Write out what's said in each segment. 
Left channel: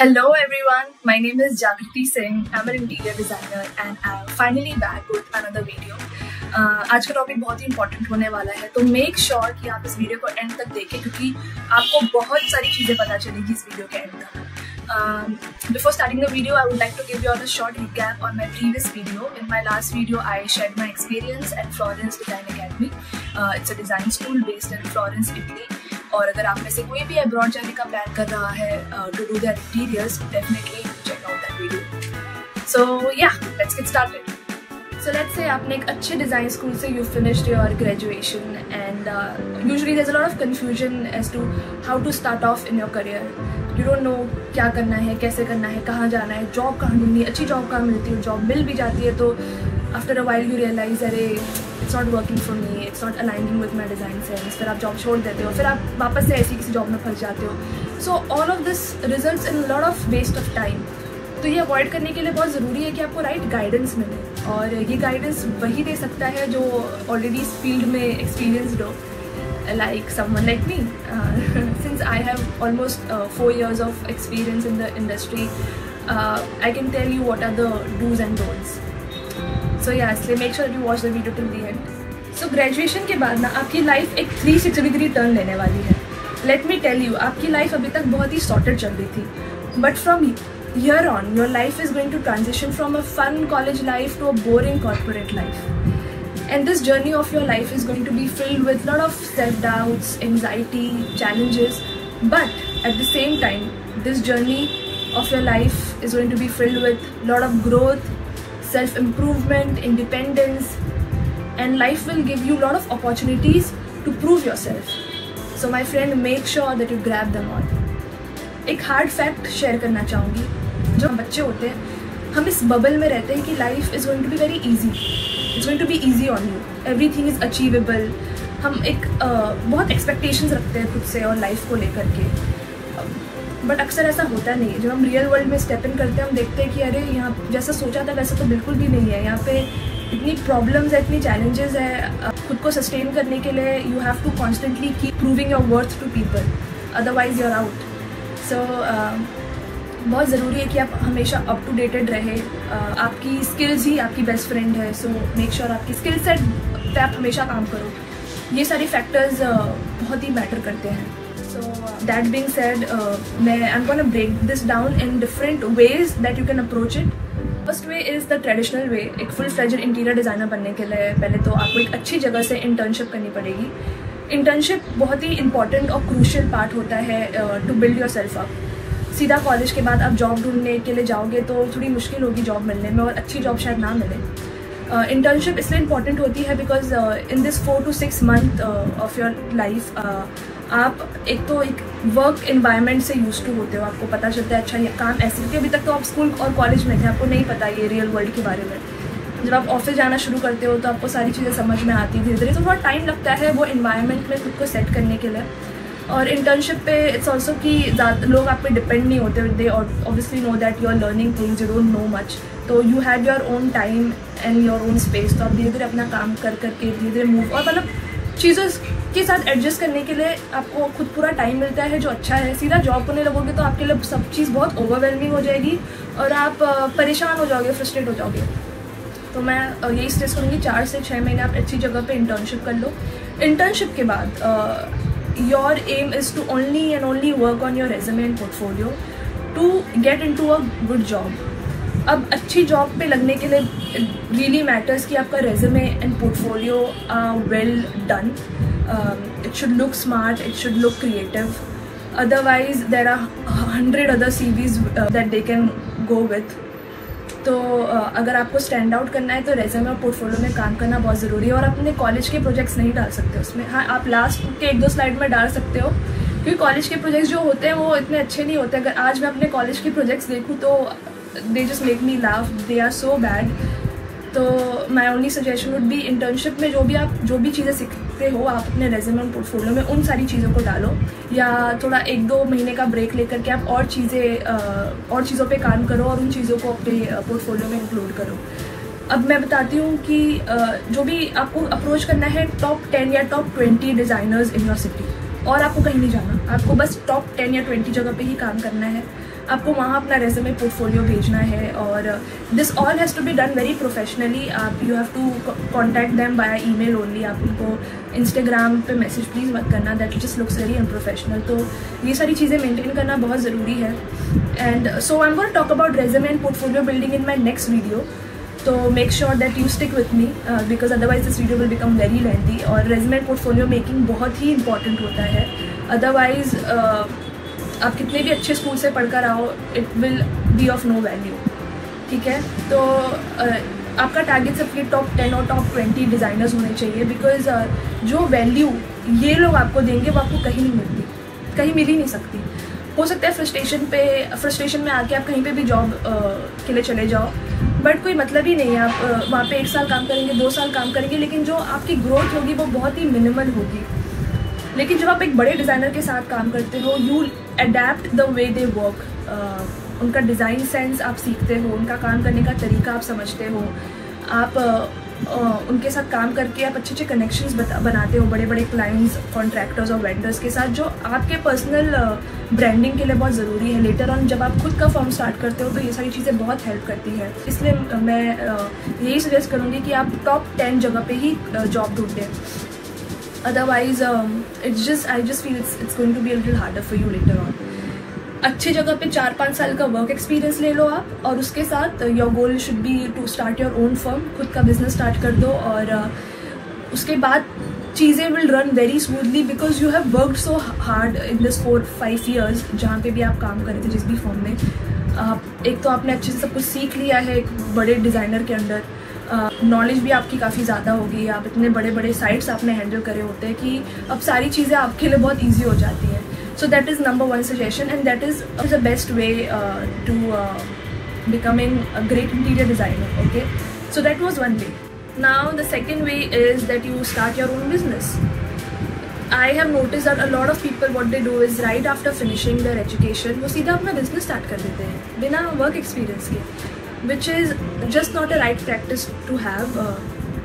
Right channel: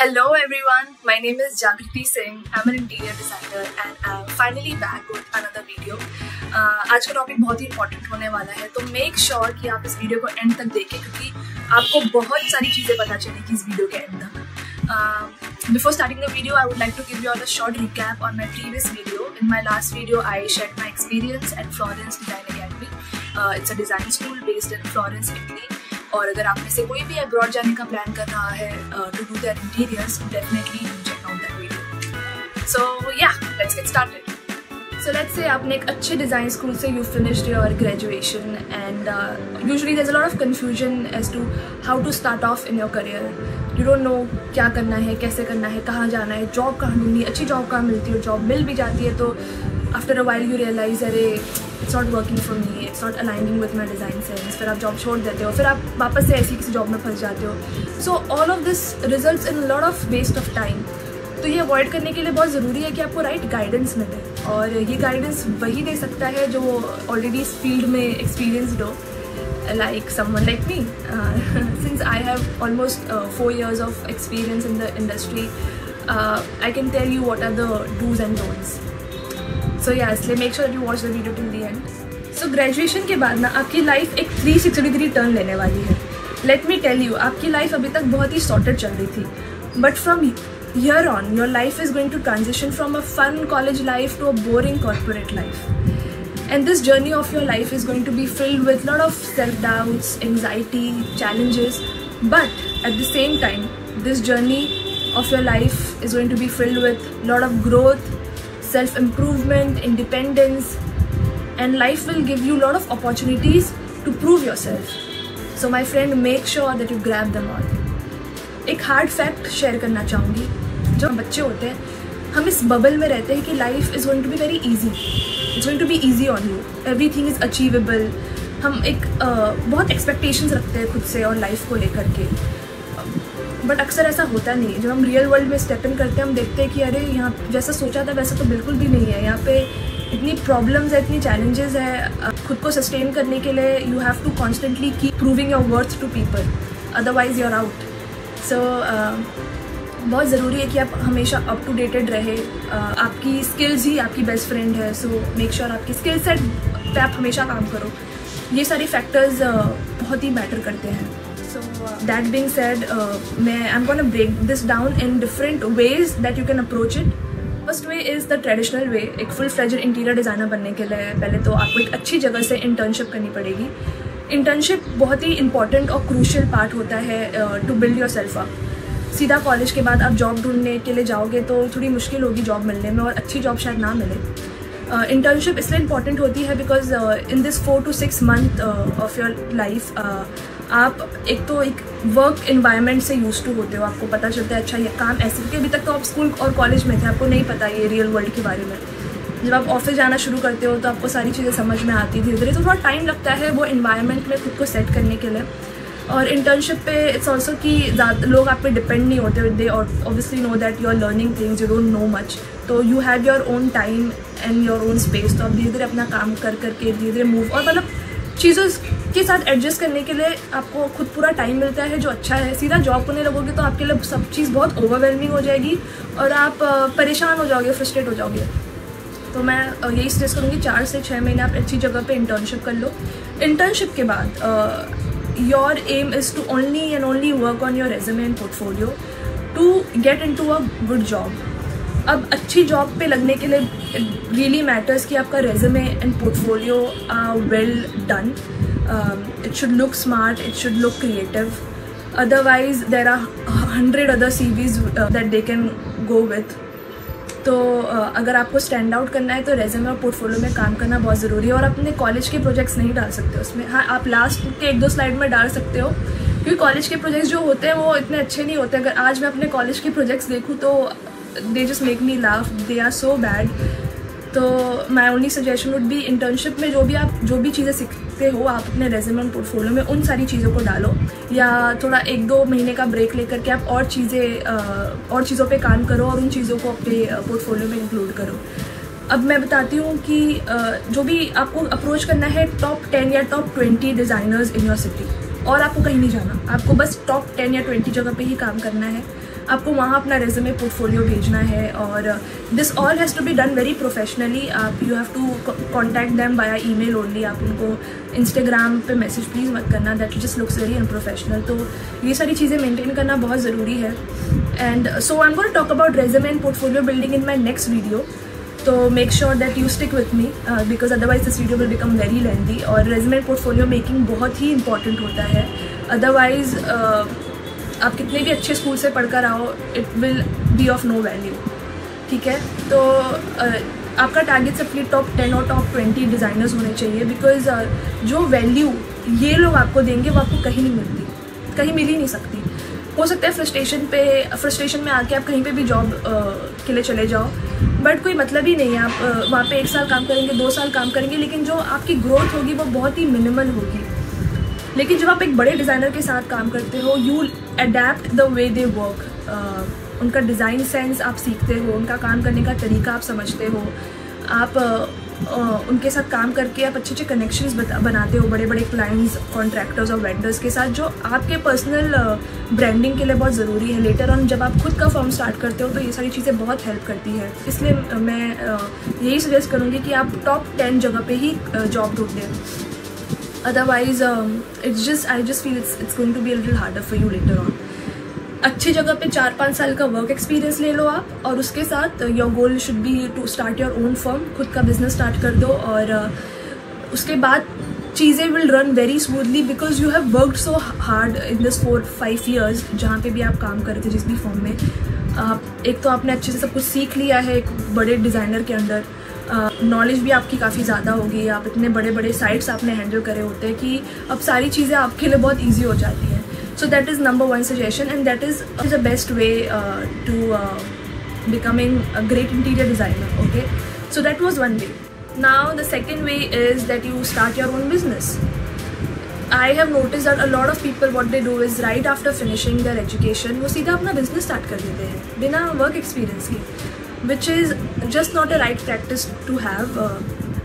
Hello everyone, my name is Jagriti Singh. I'm an interior designer and I'm finally back with another video. आज का topic बहुत ही important होने वाला है, तो मेक श्योर कि आप इस वीडियो को एंड तक देखें क्योंकि आपको बहुत सारी चीज़ें पता चलेगी इस वीडियो के एंड तक. Before starting the video, I would like to give you all a short recap on my previous video. In my last video, I shared my experience at Florence Design Academy. It's a design school based in Florence, Italy. और अगर आप में से कोई भी abroad जाने का plan कर रहा है to do their interiors, definitely check out that video. So yeah, let's get started. So let's say आपने एक अच्छे डिज़ाइन स्कूल से you finished your graduation and usually there is a lot of confusion as to how to start off in your career. You don't know क्या करना है, कैसे करना है, कहाँ जाना है, जॉब कहाँ ढूंढनी, अच्छी जॉब कहाँ मिलती है, जॉब मिल भी जाती है तो after a while you realize अरे it's not working for me, it's not aligning with my design sense. फिर आप जॉब छोड़ देते हो, फिर आप वापस से ऐसी किसी जॉब में फंस जाते हो. So all of this results in lot of waste of time. तो ये अवॉइड करने के लिए बहुत ज़रूरी है कि आपको राइट गाइडेंस मिले, और ये गाइडेंस वही दे सकता है जो ऑलरेडी इस फील्ड में एक्सपीरियंसड हो, like someone like me. Since I have almost 4 years of experience in the industry, I can tell you what are the do's and don'ts. So yeah, so make sure you watch the video till the end. So graduation के बाद ना आपकी life एक 360 turn लेने वाली है. Let me tell you, आपकी life अभी तक बहुत ही सॉर्टेड चल रही थी, but from here on your life is going to transition from a fun college life to a boring corporate life. And this journey of your life is going to be filled with a lot of self-doubts, anxiety, challenges. But at the same time, this journey of your life is going to be filled with a lot of growth, self-improvement, independence. And life will give you a lot of opportunities to prove yourself. So my friend, make sure that you grab them all. एक hard fact share करना चाहूँगी. जो हम बच्चे होते हैं, हम इस बबल में रहते हैं कि life is going to be very easy. It's going to be easy on you. Everything is achievable. हम एक बहुत एक्सपेक्टेशंस रखते हैं खुद से और लाइफ को लेकर के, बट अक्सर ऐसा होता नहीं है. जब हम रियल वर्ल्ड में स्टेप इन करते हैं, हम देखते हैं कि अरे यहाँ जैसा सोचा था वैसे तो बिल्कुल भी नहीं है. यहाँ पे इतनी प्रॉब्लम्स है, इतनी चैलेंजेस है. खुद को सस्टेन करने के लिए you have to constantly keep proving your worth to people, otherwise you are out. So बहुत ज़रूरी है कि आप हमेशा अप टू डेटेड रहे. आपकी स्किल्स ही आपकी बेस्ट फ्रेंड है. सो मेक श्योर आपकी स्किल सेट पे आप हमेशा काम करो. ये सारे फैक्टर्स बहुत ही मैटर करते हैं. So that being said, I am gonna break this down in different ways that you can approach it. First way is the traditional way. एक फुल फ्लेजर इंटीरियर डिज़ाइनर बनने के लिए पहले तो आपको एक अच्छी जगह से इंटर्नशिप करनी पड़ेगी. इंटर्नशिप बहुत ही इंपॉर्टेंट और क्रूशियल पार्ट होता है to build yourself up. सीधा कॉलेज के बाद आप जॉब ढूंढने के लिए जाओगे तो थोड़ी मुश्किल होगी जॉब मिलने में, और अच्छी जॉब शायद ना मिले. इंटर्नशिप इसलिए इम्पॉर्टेंट होती है because in this 4 to 6 month of your life आप एक तो एक वर्क इन्वायरमेंट से यूज टू होते हो. आपको पता चलता है अच्छा ये काम ऐसे होती है. अभी तक तो आप स्कूल और कॉलेज में थे, आपको नहीं पता ये रियल वर्ल्ड के बारे में. जब आप ऑफिस जाना शुरू करते हो तो आपको सारी चीज़ें समझ में आती है धीरे धीरे. तो थोड़ा टाइम लगता है वो इन्वायरमेंट में खुद को सेट करने के लिए. और इंटर्नशिप पे इट्स ऑल्सो कि लोग आप पे डिपेंड नहीं होते. They obviously know that you are learning things, you don't know much. तो you have your own time and your own space. तो आप धीरे धीरे अपना काम कर करके धीरे धीरे मूव, और मतलब चीज़ों के साथ एडजस्ट करने के लिए आपको खुद पूरा टाइम मिलता है, जो अच्छा है. सीधा जॉब करने लगोगे तो आपके लिए सब चीज़ बहुत ओवरवेलमिंग हो जाएगी और आप परेशान हो जाओगे, फ्रस्ट्रेट हो जाओगे. तो मैं यही सजेस्ट करूँगी 4 से 6 महीने आप अच्छी जगह पे इंटर्नशिप कर लो. इंटर्नशिप के बाद your aim is to only and only work on your resume and portfolio to get into a good job. अब अच्छी जॉब पे लगने के लिए really matters कि आपका resume and portfolio are well done. It should look smart, it should look creative. Otherwise there are 100 other CVs that they can go with. तो अगर आपको स्टैंड आउट करना है तो रेज्यूमे और पोर्टफोलियो में काम करना बहुत ज़रूरी है. और अपने कॉलेज के प्रोजेक्ट्स नहीं डाल सकते उसमें. हाँ, आप लास्ट के 1-2 स्लाइड में डाल सकते हो, क्योंकि कॉलेज के प्रोजेक्ट्स जो होते हैं वो इतने अच्छे नहीं होते. अगर आज मैं अपने कॉलेज के प्रोजेक्ट्स देखूँ तो they just make me laugh, they are so bad. तो my only suggestion would be internship में जो भी चीज़ें सीखते हो आप अपने रेज्यूमे और पोर्टफोलियो में उन सारी चीज़ों को डालो, या थोड़ा 1-2 महीने का ब्रेक लेकर के आप और चीज़ों पे काम करो और उन चीज़ों को अपने पोर्टफोलियो में इंक्लूड करो. अब मैं बताती हूँ कि जो भी आपको अप्रोच करना है टॉप 10 या top 20 designers in your city. और आपको कहीं नहीं जाना, आपको बस टॉप 10 या 20 जगह पे ही काम करना है, आपको वहाँ अपना रेज्यूमे पोर्टफोलियो भेजना है। और this all has to be done very professionally. आप you have to contact them by email only. आप उनको इंस्टाग्राम पे मैसेज प्लीज़ मत करना, that just looks very unprofessional. तो ये सारी चीज़ें मेंटेन करना बहुत ज़रूरी है। And so I am going to talk about resume and portfolio building in my next video. तो make sure that you stick with me because otherwise this video will become very lengthy. और resume and portfolio making बहुत ही important होता है, otherwise आप कितने भी अच्छे स्कूल से पढ़कर आओ, it will be of no value. ठीक है, तो आपका टारगेट सबके टॉप 10 और टॉप 20 डिज़ाइनर्स होने चाहिए, बिकॉज जो वैल्यू ये लोग आपको देंगे वो आपको कहीं नहीं मिलती, कहीं मिल ही नहीं सकती। हो सकता है फ्रस्ट्रेशन में आके आप कहीं पे भी जॉब के लिए चले जाओ, बट कोई मतलब ही नहीं है। आप वहाँ पे 1 साल काम करेंगे, 2 साल काम करेंगे, लेकिन जो आपकी ग्रोथ होगी वो बहुत ही मिनिमल होगी। लेकिन जब आप एक बड़े डिज़ाइनर के साथ काम करते हो, you adapt the way they work, उनका डिज़ाइन सेंस आप सीखते हो, उनका काम करने का तरीका आप समझते हो, आप उनके साथ काम करके आप अच्छे अच्छे कनेक्शंस बनाते हो बड़े बड़े क्लाइंट्स, कॉन्ट्रैक्टर्स और वेंडर्स के साथ, जो आपके पर्सनल ब्रांडिंग के लिए बहुत ज़रूरी है। लेटर ऑन जब आप खुद का फर्म स्टार्ट करते हो तो ये सारी चीज़ें बहुत हेल्प करती है। इसलिए मैं यही सजेस्ट करूँगी कि आप टॉप 10 जगह पे ही जॉब ढूंढें, otherwise I just feel it's going to be a little harder for you later on. अच्छी जगह पे 4-5 साल का वर्क एक्सपीरियंस ले लो आप, और उसके साथ your goal should be to start your own firm, खुद का बिजनेस स्टार्ट कर दो। और उसके बाद चीज़ें will run very smoothly because you have worked so hard in this 4-5 years जहाँ पे भी आप काम कर रहे थे जिस भी फर्म में। एक तो आपने अच्छे से सब कुछ सीख लिया है एक बड़े डिज़ाइनर के अंडर, नॉलेज भी आपकी काफ़ी ज़्यादा होगी, आप इतने बड़े बड़े साइट्स आपने हैंडल करे होते हैं कि अब सारी चीज़ें आपके लिए बहुत ईजी हो जाती हैं। So that is number 1 suggestion, and that is the best way to becoming a great interior designer. Okay, so that was one way. Now the second way is that you start your own business. I have noticed that a lot of people what they do is right after finishing their education वो सीधा अपना business start कर देते हैं बिना work experience के, which is just not a right practice to have.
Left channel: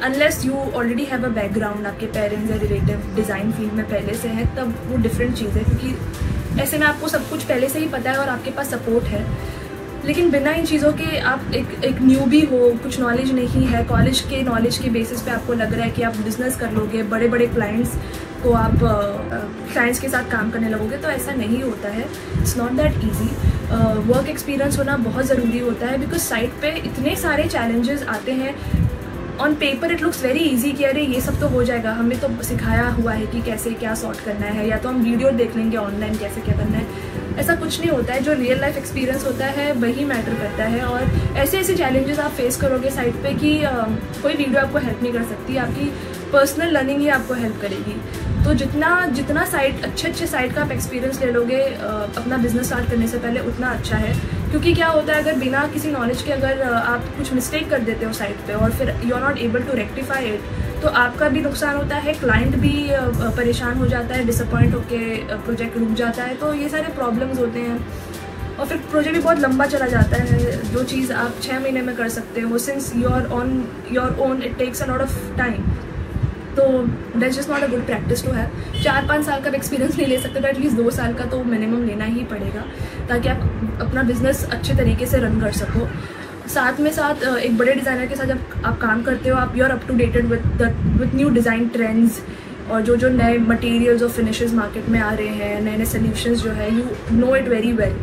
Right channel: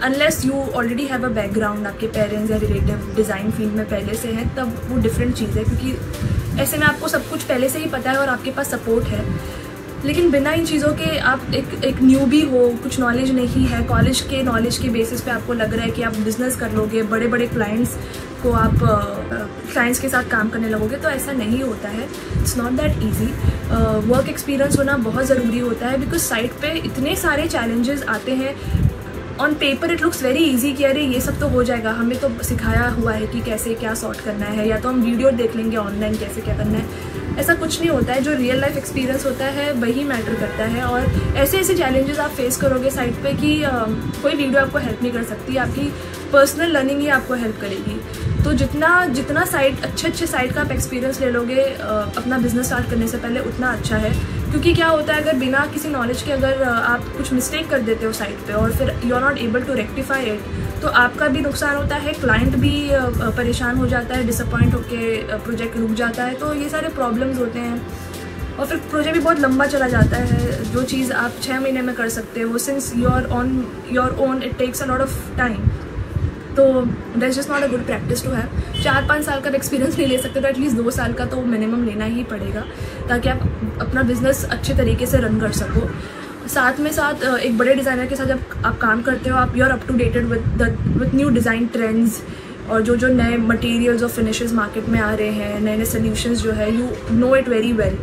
Unless you already have a background, आपके parents या रिलेटिव डिज़ाइन फील्ड में पहले से है, तब वो डिफरेंट चीज़ है, क्योंकि ऐसे में आपको सब कुछ पहले से ही पता है और आपके पास सपोर्ट है। लेकिन बिना इन चीज़ों के आप एक न्यूबी हो, कुछ नॉलेज नहीं है, कॉलेज के नॉलेज की बेसिस पे आपको लग रहा है कि आप बिजनेस कर लोगे, बड़े बड़े क्लाइंट्स को आप क्लाइंट्स के साथ काम करने लगोगे, तो ऐसा नहीं होता है। It's not that easy. Work experience होना बहुत ज़रूरी होता है, बिकॉज साइट पे इतने सारे चैलेंजेस आते हैं। On paper it looks very easy कि अरे ये सब तो हो जाएगा, हमें तो सिखाया हुआ है कि कैसे क्या सॉर्ट करना है, या तो हम वीडियो देख लेंगे ऑनलाइन कैसे क्या करना है। ऐसा कुछ नहीं होता है। जो रियल लाइफ एक्सपीरियंस होता है वही मैटर करता है, और ऐसे ऐसे चैलेंजेस आप फेस करोगे साइट पे कि कोई वीडियो आपको हेल्प नहीं कर सकती, आपकी पर्सनल लर्निंग ही आपको हेल्प करेगी। तो जितना साइट अच्छे साइट का आप एक्सपीरियंस ले लोगे अपना बिजनेस स्टार्ट करने से पहले, उतना अच्छा है। क्योंकि क्या होता है, अगर बिना किसी नॉलेज के अगर आप कुछ मिस्टेक कर देते हो साइट पे और फिर you are not able to rectify it, तो आपका भी नुकसान होता है, क्लाइंट भी परेशान हो जाता है, डिसअपॉइंट होकर प्रोजेक्ट रुक जाता है। तो ये सारे प्रॉब्लम्स होते हैं, और फिर प्रोजेक्ट भी बहुत लंबा चला जाता है। जो चीज़ आप 6 महीने में कर सकते हो, since you are on your own, it takes a lot of time. तो that's just not a good practice to have. 4-5 साल का एक्सपीरियंस नहीं ले सकते, तो एटलीस्ट 2 साल का तो मिनिमम लेना ही पड़ेगा, ताकि आप अपना बिजनेस अच्छे तरीके से रन कर सको। साथ में साथ एक बड़े डिज़ाइनर के साथ जब आप काम करते हो, आप you are up to dated with new design trends, और जो नए मटेरियल्स और फिनिशेस मार्केट में आ रहे हैं, नए नए सोल्यूशंस जो है, you know it very well.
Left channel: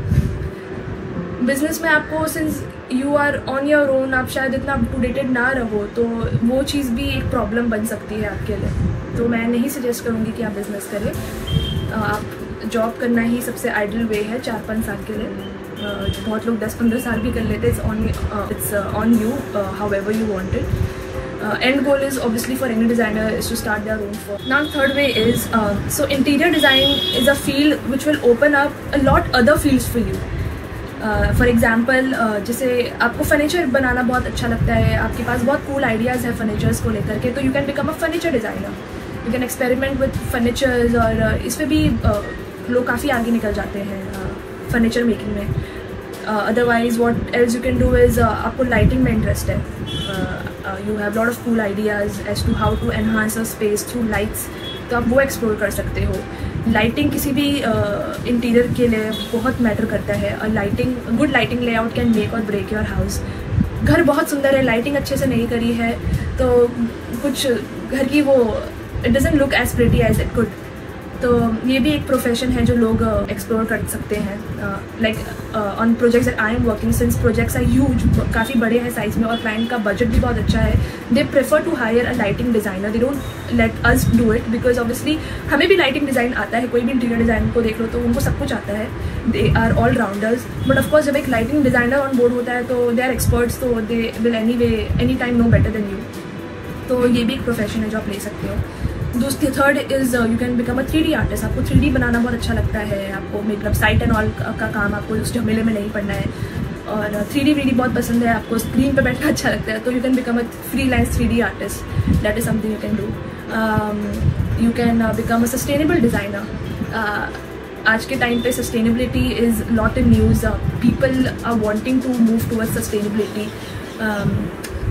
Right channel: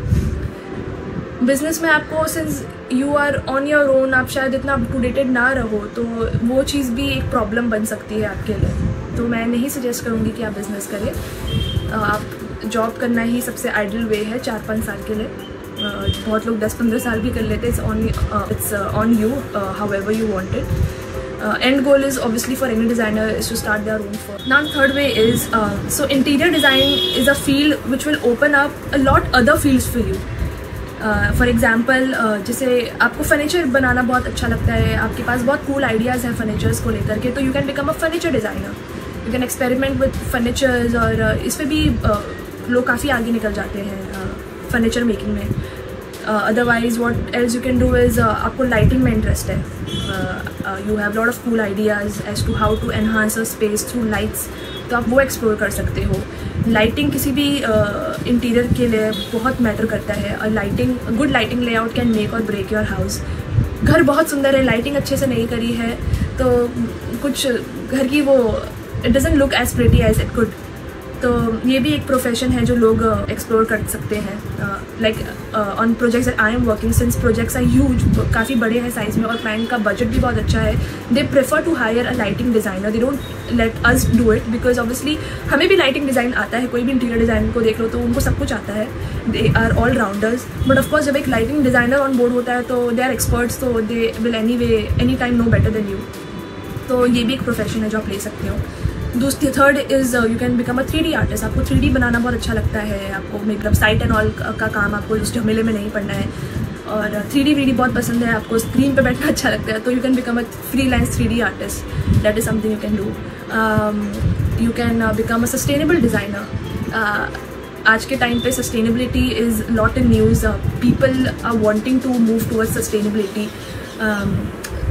Business में आपको since you are on your own, आप शायद इतना अप टू डेटेड ना रहो, तो वो चीज़ भी एक प्रॉब्लम बन सकती है आपके लिए। तो मैं नहीं सजेस्ट करूँगी कि आप बिज़नेस करें। आप जॉब करना ही सबसे आइडियल वे है 4-5 साल के लिए। बहुत लोग 10-15 साल भी कर लेते हैं। It's on you however you want it. End goal is obviously for any designer is to start their own firm. Now third way is so interior design is a field which will open up a lot other fields for you. For example जैसे आपको furniture बनाना बहुत अच्छा लगता है, आपके पास बहुत cool ideas हैं furnitures को लेकर के, तो you can become a furniture designer. You can experiment with furnitures, और इसमें भी लोग काफ़ी आगे निकल जाते हैं फर्नीचर मेकिंग में। Otherwise what else you can do is, आपको लाइटिंग में इंटरेस्ट है, you have lot of cool ideas as to how to enhance a space through lights, तो आप वो एक्सप्लोर कर सकते हो। लाइटिंग किसी भी इंटीरियर के लिए बहुत मैटर करता है, और lighting, good lighting layout can make और ब्रेक योर हाउस। घर बहुत सुंदर है, लाइटिंग अच्छे से नहीं करी है तो कुछ घर की वो it doesn't look as pretty as it could. तो ये भी एक प्रोफेशन है जो लोग एक्सप्लोर कर सकते हैं। Like on projects I am working, since projects are huge, काफ़ी बड़े हैं साइज में और क्लाइंट का बजट भी बहुत अच्छा है, they prefer to hire a lighting designer, they don't let us do it, because obviously हमें भी लाइटिंग डिज़ाइन आता है, कोई भी इंटीरियर डिज़ाइन को देख लो तो उनको सब कुछ आता है, they are all rounders. But of course जब एक लाइटिंग डिज़ाइनर ऑन बोर्ड होता है तो दे आर एक्सपर्ट्स, तो they will any time know better than you. तो ये भी एक प्रोफेशन है जो आप ले सकते हो। दूसरी third is you can become a 3D artist. आपको 3D बनाना बहुत अच्छा लगता है, आपको मतलब साइट एंड ऑल का काम आपको उस झमेले में नहीं पड़ना है, और 3D वीडी बहुत पसंद है, आपको स्क्रीन पे बैठना अच्छा लगता है, तो you can become a freelance 3D artist, that is something you can do. You can become a sustainable designer. आज के टाइम पे sustainability is lot in news, people are wanting to move towards sustainability,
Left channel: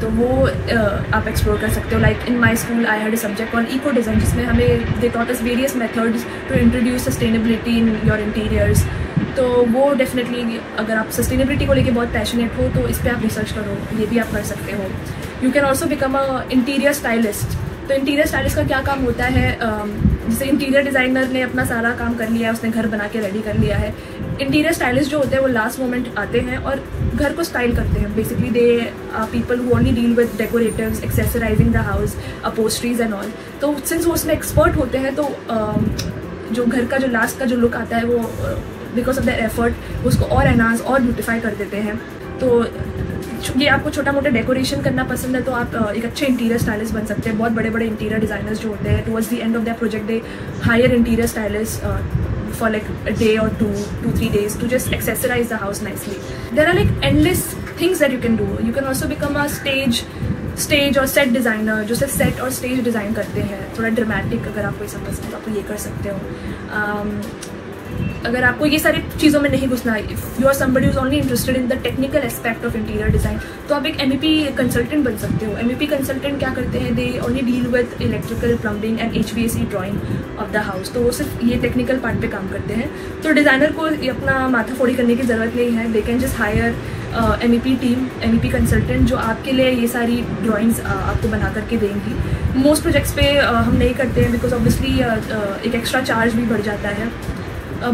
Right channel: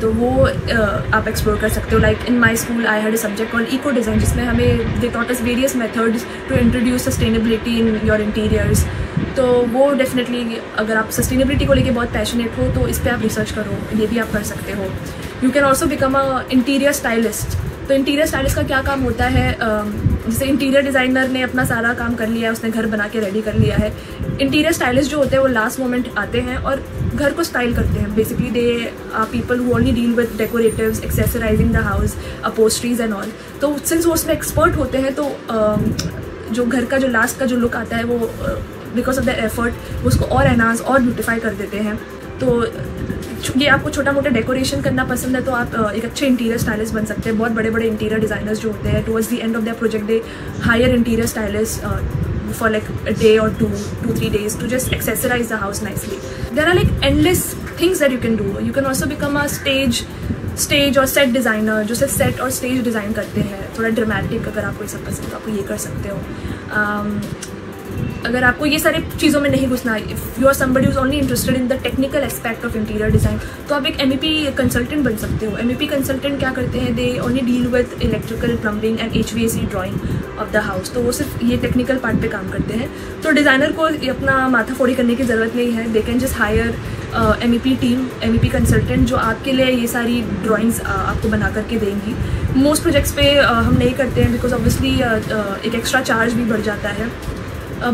तो वो आप explore कर सकते हो। Like in my school I had a subject on eco design, जिसमें हमें they taught us various methods to introduce sustainability in your interiors. तो वो डेफिनेटली, अगर आप सस्टेनेबिलिटी को लेके बहुत पैशनेट हो तो इस पर आप रिसर्च करो, ये भी आप कर सकते हो। You can also become a interior stylist. तो इंटीरियर स्टाइलिस्ट का क्या काम होता है, जैसे इंटीरियर डिज़ाइनर ने अपना सारा काम कर लिया है, उसने घर बना के रेडी कर लिया है, इंटीरियर स्टाइलिस्ट जो होते हैं वो लास्ट मोमेंट आते हैं और घर को स्टाइल करते हैं। Basically they people who only deal with decoratives, accessorizing the house, upholsteries and all. तो सिंस वो उसमें एक्सपर्ट होते हैं तो जो घर का जो लास्ट का जो लुक आता है वो बिकॉज ऑफ द एफर्ट उसको और एनहांस और ब्यूटिफाई कर देते हैं। तो ये आपको छोटा मोटा डेकोरेशन करना पसंद है तो आप एक अच्छे इंटीरियर स्टाइलिस्ट बन सकते हैं। बहुत बड़े बड़े इंटीरियर डिज़ाइनर्स जो होते हैं towards the end of the project they hire interior stylist for like a day or 2-3 days to just accessorize the house nicely. There are like endless things that you can do. You can also become a stage और set designer, जो सिर्फ set और stage design करते हैं, थोड़ा dramatic. अगर आपको ऐसा पसंद है आप ये कर सकते हो। अगर आपको ये सारी चीज़ों में नहीं घुसना, if you are somebody who is only interested in the technical aspect of interior design, तो आप एक MEP कंसल्टेंट बन सकते हो। MEP कंसल्टेंट क्या करते हैं, they only deal with electrical, plumbing and HVAC drying of the house. तो वो सिर्फ ये टेक्निकल पार्ट पे काम करते हैं। तो डिज़ाइनर को अपना माथा फोड़ी करने की ज़रूरत नहीं है, they can just hire MEP team, MEP consultant जो आपके लिए ये सारी ड्राइंग्स आपको बना करके देंगी। मोस्ट प्रोजेक्ट्स पे हम नहीं करते हैं बिकॉज ऑब्वियसली एक एक्स्ट्रा चार्ज भी बढ़ जाता है।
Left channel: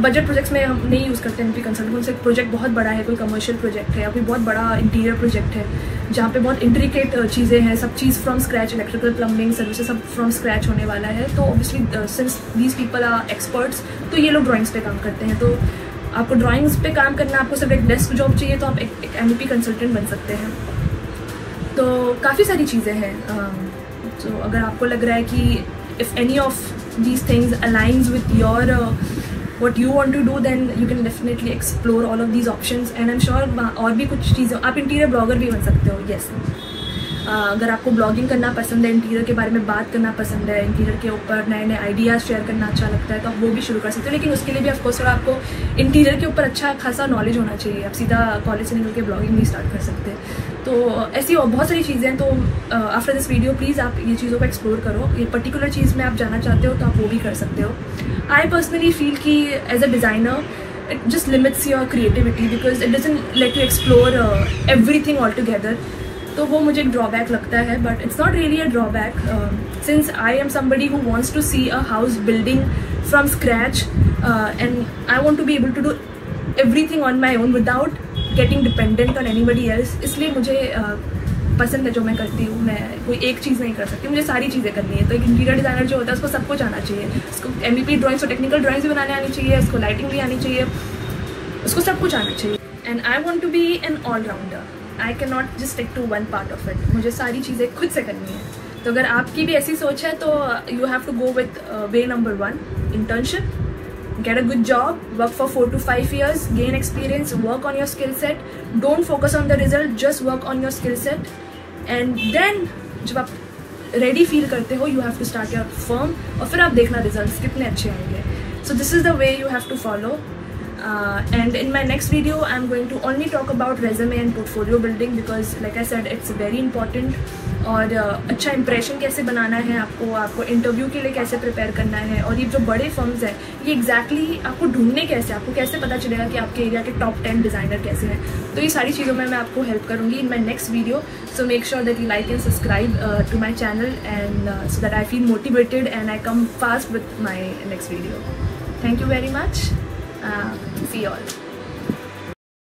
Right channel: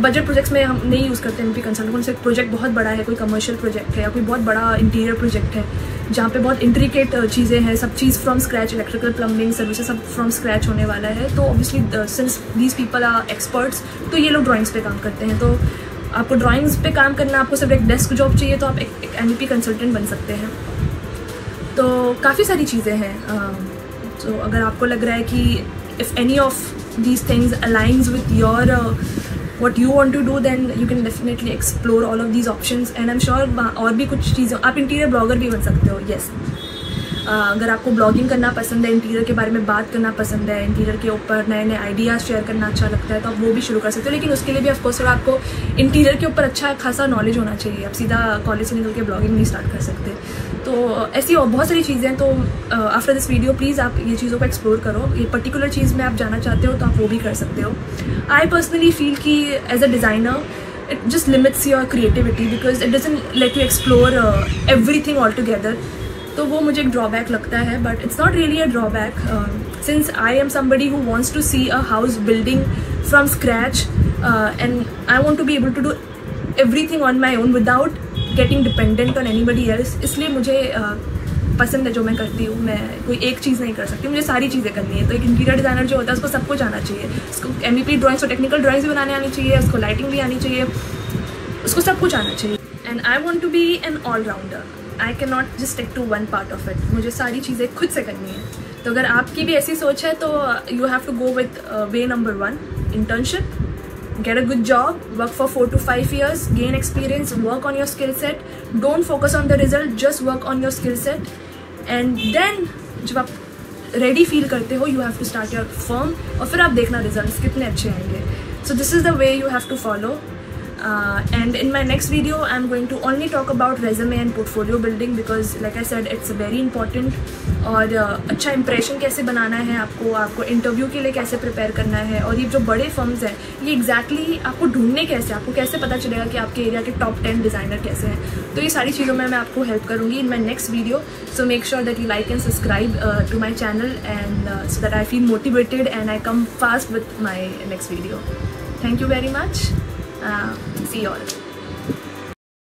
बजट प्रोजेक्ट्स में हम नहीं यूज़ करते MP कंसल्टेंट। कौन सा प्रोजेक्ट बहुत बड़ा है, कोई कमर्शियल प्रोजेक्ट है या कोई बहुत बड़ा इंटीरियर प्रोजेक्ट है जहाँ पे बहुत इंट्रिकेट चीज़ें हैं, सब चीज़ from scratch, electrical, plumbing, services सब फ्रॉम स्क्रैच होने वाला है, तो obviously since these people are experts तो ये लोग ड्राइंग्स पे काम करते हैं। तो आपको ड्राइंग्स पे काम करना, आपको सिर्फ एक डेस्क जॉब चाहिए तो आप एक MEP कंसल्टेंट बन सकते हैं। तो काफ़ी सारी चीज़ें हैं। तो अगर आपको लग रहा है कि if any of these things aligns with your what you want to do, then you can definitely explore all of these options and I'm sure और भी कुछ चीज़ें, आप इंटीरियर ब्लॉगर भी बन सकते हो। yes, अगर आपको ब्लॉगिंग करना पसंद है, इंटीरियर के बारे में बात करना पसंद है, इंटीरियर के ऊपर नए नए आइडियाज़ शेयर करना अच्छा लगता है तो आप वो भी शुरू कर सकते हो। लेकिन उसके लिए भी ऑफकोर्स थोड़ा आपको इंटीरियर के ऊपर अच्छा खासा नॉलेज होना चाहिए। आप सीधा कॉलेज से निकल के ब्लॉगिंग नहीं स्टार्ट कर सकते। तो ऐसी और बहुत सारी चीज़ें हैं। तो आफ्टर दिस वीडियो प्लीज़ आप ये चीज़ों को एक्सप्लोर करो। ये पर्टिकुलर चीज़ में आप जाना चाहते हो तो आप वो भी कर सकते हो। आई पर्सनली फील कि as a designer it just limits your creativity because it doesn't let you explore everything altogether. तो वो मुझे एक ड्रॉबैक लगता है, but it's not really a drawback since I am somebody who wants to see a house building from scratch and I want to be able to do everything on my own without getting dependent on anybody else. इसलिए मुझे पसंद है जो मैं करती हूँ। मैं कोई एक चीज़ नहीं कर सकती, मुझे सारी चीज़ें करनी है। तो एक इंटीरियर डिज़ाइनर जो होता है उसको सब कुछ आना चाहिए। उसको MEP ड्राइंग्स और टेक्निकल ड्राइंग्स भी बनाने आनी चाहिए, उसको लाइटिंग भी आनी चाहिए, उसको सब कुछ आना चाहिए। And I want to be an all rounder. I can not just stick to one part of it. मुझे सारी चीज़ें खुद से करनी है। तो अगर आपकी भी ऐसी सोच है तो you have to go with way number 1, internship, get a good job, work for 4 to 5 years, gain experience, work on your skill set. Don't focus on the result, just work on your skill set. And then जब आप ready feel करते हो, you have to start your firm और फिर आप देखना results कितने अच्छे होंगे. So this is the way you have to follow. And in my next video, I'm going to only talk about resume and portfolio building because, like I said, it's very important. और अच्छा impression कैसे बनाना है आपको interview के लिए कैसे prepare करना है, और ये जो बड़े फर्म्स हैं ये एग्जैक्टली आपको ढूंढने कैसे, आपको कैसे पता चलेगा कि आपके एरिया के टॉप 10 डिज़ाइनर कैसे हैं. तो ये सारी चीज़ों में मैं आपको हेल्प करूँगी in my next video. So make sure that you like and subscribe to my channel and so that I feel motivated and I come fast with my next video. Thank you very much. See you all.